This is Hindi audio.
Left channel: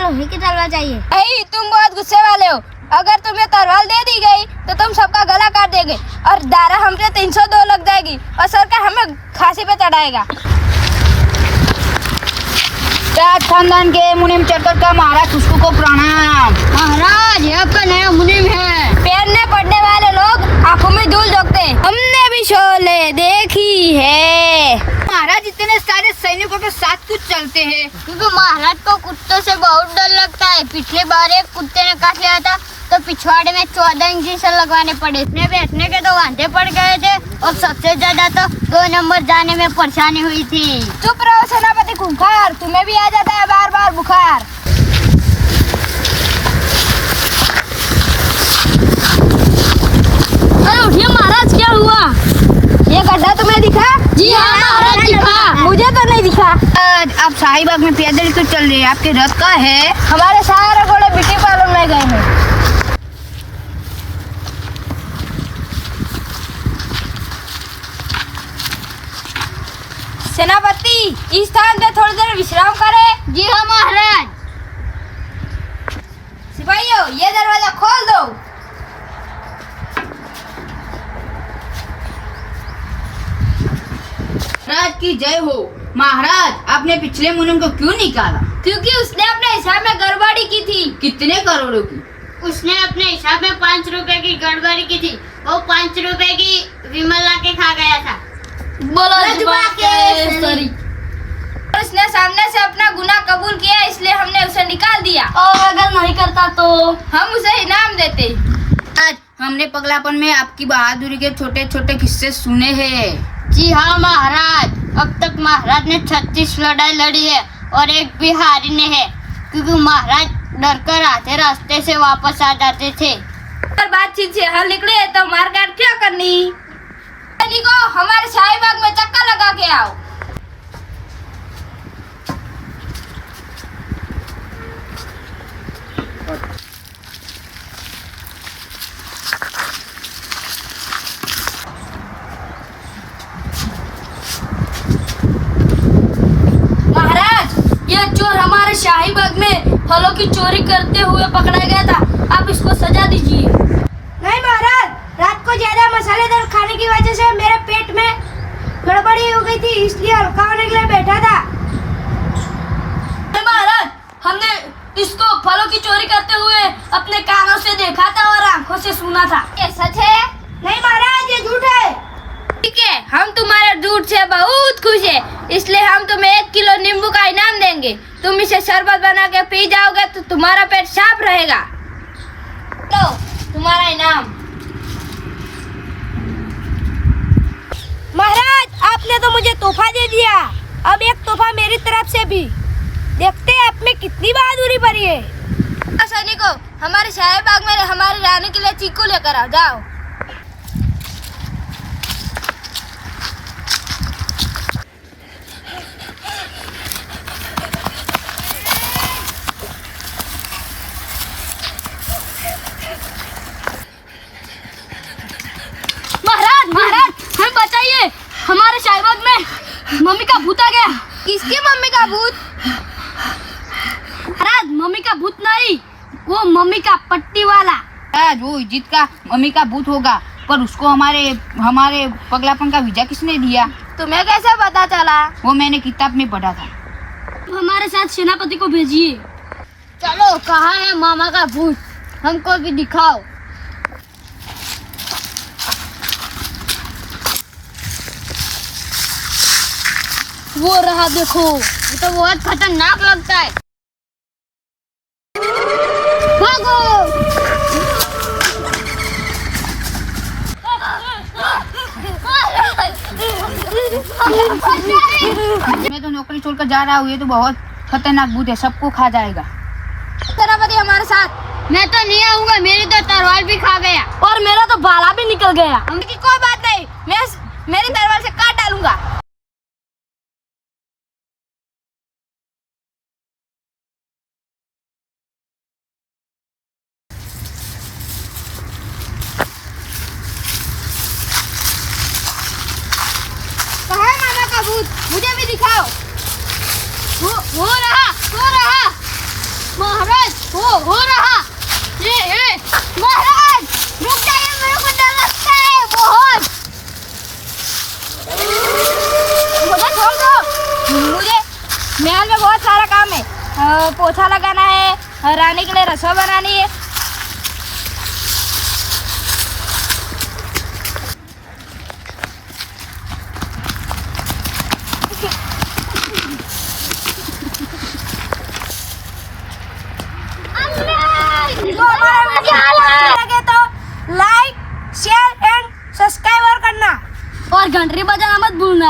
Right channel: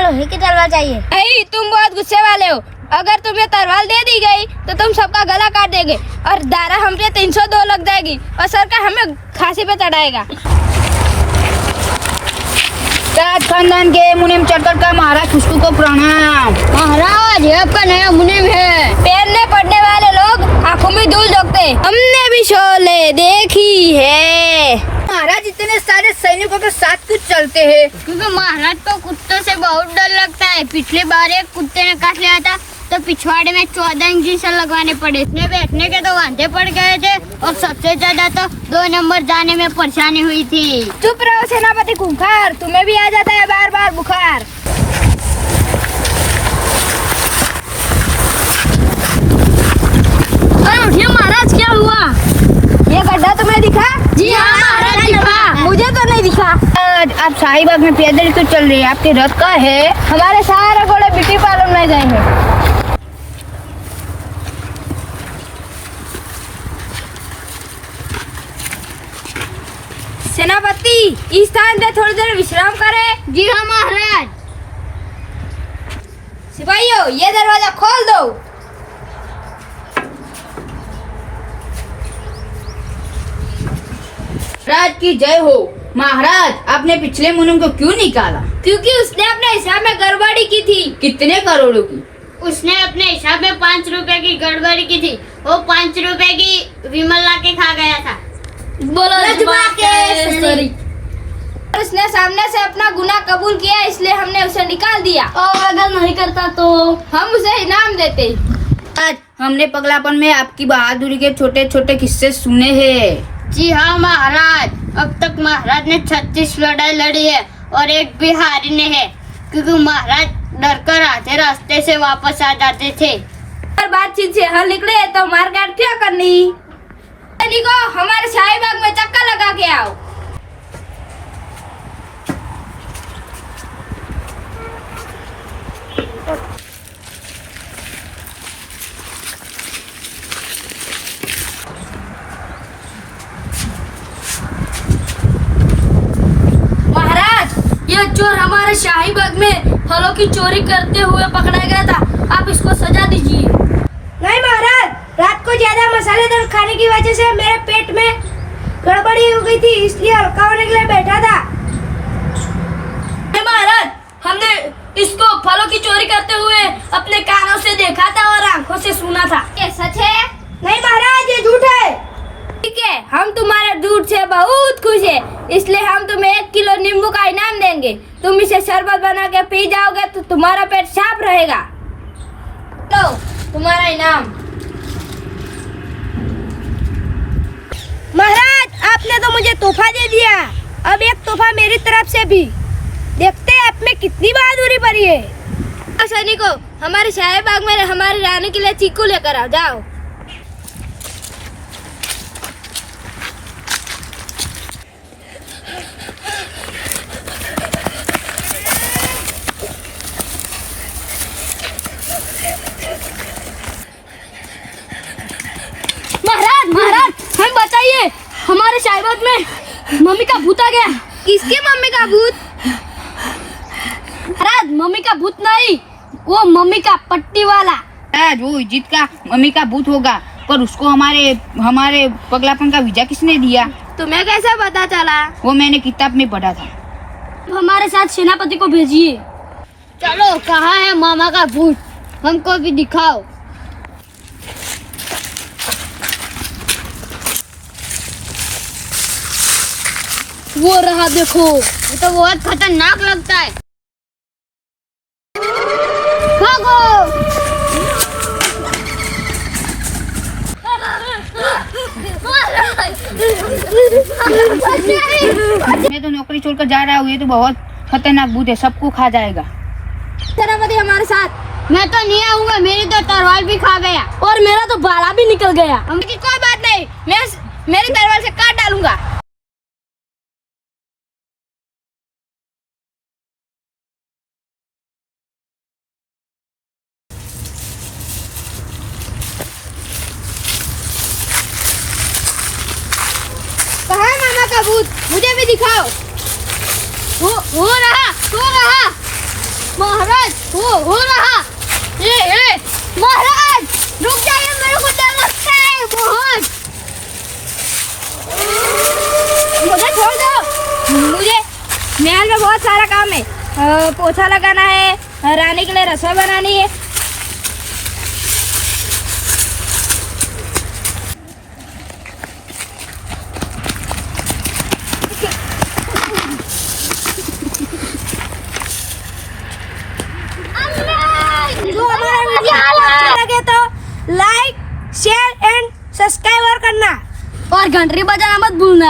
लोहे की तलवार चाहिए। नहीं, तुम बहुत गुस्से वाले हो। अगर तुम्हें तलवार दे दी गई तो तुम सबका गला काट देंगे और दारा हमसे 302 लग जाएगी और सरकार हमें फांसी पे चढ़ाएगा। राज खानदान के मुनीम चक्कर का महाराज खुशबू को प्रणाम। महाराज ये आपका नया मुनीम है। पैरने पड़ने वाले लोग आंखों में धूल झोंकते। हमने भी शोले देखी है। महाराज इतने सारे सैनिकों के साथ क्यों चलते हैं? क्योंकि महाराज को कुत्तों से बहुत डर लगता है। पिछले बार एक कुत्ते ने काट लिया था तो पिछवाड़े में 14 इंजेक्शन लगवाने पड़े। इतने बैठने के तो वांधे पड़ गए थे और सबसे ज्यादा तो 2 नंबर जाने में परेशानी हुई थी। चुप रहो सेनापति खूंखार, तुम्हें भी आ जाता है बार बार बुखार। अरे उठिए महाराज, क्या हुआ? ये गड्ढा तुम्हें दिखा? जी हाँ महाराज दिखा। मुझे तो नहीं दिखा। आज आप शाहीबाग में पैदल क्यों चल रहे हैं? आपके रथ का है? हमारे सारे घोड़े ब्यूटी पार्लर में गए हैं। सेनापति, इस स्थान पे थोड़ी देर विश्राम करें। जी हाँ महाराज। सिपाहियों, ये दरवाजा खोल दो। राज की जय हो। महाराज, आपने पिछले मुनीम को क्यों निकाला? क्योंकि उसने अपने हिसाब में गड़बड़ी की थी। कितने करोड़ों की? उसने अपने हिसाब में 5 रुपए की गड़बड़ी की थी। वो 5 रुपए की विमल ला के खा गया था। और उसने सामने से अपना गुनाह कबूल किया, इसलिए हमने उसे निकाल दिया। और अगर नहीं करता तो हम उसे इनाम देते। आज हमने पगलापन में आपकी बहादुरी के छोटे छोटे किस्से सुने हैं। जी हाँ महाराज। अब तक महाराज ने 36 लड़ाई लड़ी है और एक भी हारी नहीं है, क्योंकि महाराज डर कर आधे रास्ते से वापस आ जाते थे। और बातचीत से हल निकले तो मारकाट क्या करनी। सैनिकों, हमारे शाहीबाग में चक्कर लगा के आओ। यह चोर हमारे शाहीबाग में फलों की चोरी करते हुए पकड़ा गया था। आप इसको सजा दीजिए। नहीं महाराज, रात को ज्यादा मसालेदार खाने की वजह से मेरे पेट में गड़बड़ी हो गई थी, इसलिए हल्का होने के लिए बैठा था। नहीं महाराज, हमने इसको फलों की चोरी करते हुए अपने कानों से देखा था और आंखों से सुना था। ये सच है? नहीं महाराज, ये झूठ है। ठीक है, हम तुम्हारे झूठ से बहुत खुश है, इसलिए हम तुम्हें 1 किलो नींबू का इनाम देंगे। तुम इसे शरबत बना के पी जाओगे तो तुम्हारा पेट साफ रहेगा। लो तुम्हारा इनाम। महाराज, आपने तो मुझे तोहफा दे दिया, अब एक तोहफा मेरी तरफ से भी। देखते हैं आप में कितनी बहादुरी भरी है। सैनिकों, हमारे शाहीबाग में हमारी रानी के लिए चीकू लेकर आओ, जाओ। महाराज, हमें बताइए, हमारे शाहीबाग में मम्मी का भूत आ गया। किसकी मम्मी का भूत? महाराज, मम्मी का भूत नहीं, वो मम्मी का पट्टी वाला। आज वो इज्जत का मम्मी का भूत होगा, पर उसको हमारे पगलापन का वीजा किसने दिया? तुम्हें कैसे पता चला? वो मैंने किताब में पढ़ा था। हमारे साथ सेनापति को भेजिए। चलो, कहाँ है मामा का भूत? हमको भी दिखाओ। वो रहा, देखो। ये तो बहुत खतरनाक लगता है। भागो! मैं तो नौकरी छोड़कर जा रहा हूँ, ये तो बहुत खतरनाक भूत है, सबको खा जाएगा। सेनापति हमारे साथ। मैं तो नहीं आऊंगा, मेरी तो तलवार भी खा गया और मेरा तो बाला भी निकल गया। कोई बात नहीं, मैं मेरी तलवार से काट डालूंगा। मुझे भी दिखाओ। हो रहा। महाराज हो रहा ये महाराज रुक जाइए, मेरे को डर लगता है बहुत। मुझे छोड़ दो, मुझे महल में बहुत सारा काम है। पोछा लगाना है, रानी के लिए रसोई बनानी है। जो हमारा वीडियो अच्छा लगे तो लाइक शेयर एंड सब्सक्राइब करना और घंटी बजाना मत भूलना।